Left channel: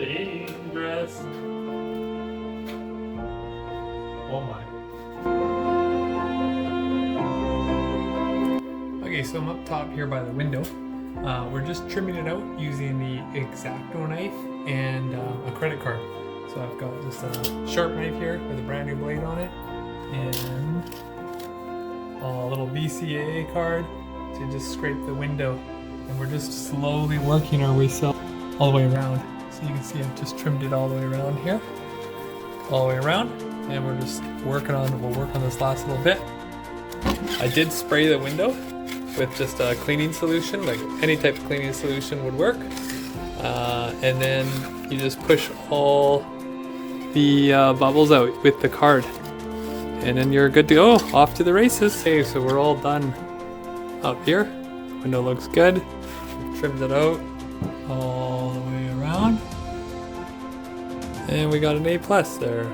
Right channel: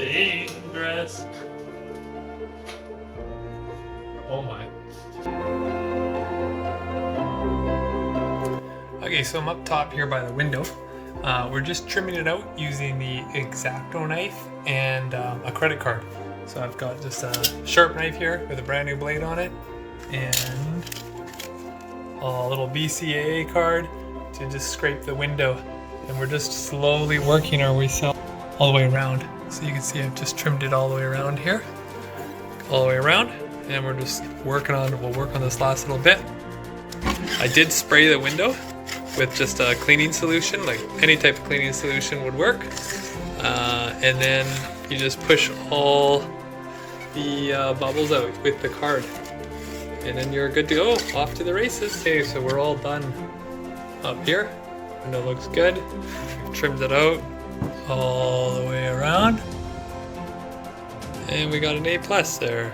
Dangerous. Oh my. Okay, so I'm up top here by the window. We're just trimming it out using the X-Acto knife and a credit card. So I've got just a sharp knife here with a brand new blade on it and a little BCAA card to just scrape the window. And we're just slowly working our way all the way around. So you can see I've just trimmed it all the way around here. All the way around. And we're just working on, we'll work on this last little bit. I did spray the window with just a cleaning solution, like any type of cleaning solution would work. And then you just push all the bubbles out with the card. And then you're good to go, off to the races. Okay, so we're all done up here. Window looks good. We've trimmed it out all the way around. And we got an A+ there.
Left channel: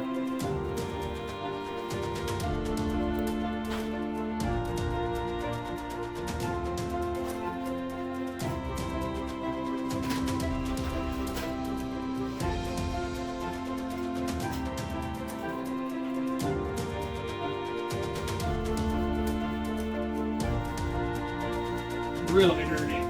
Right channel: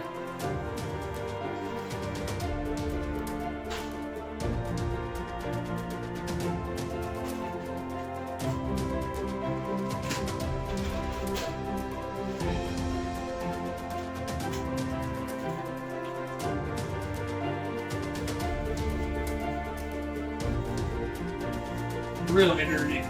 Really dirty.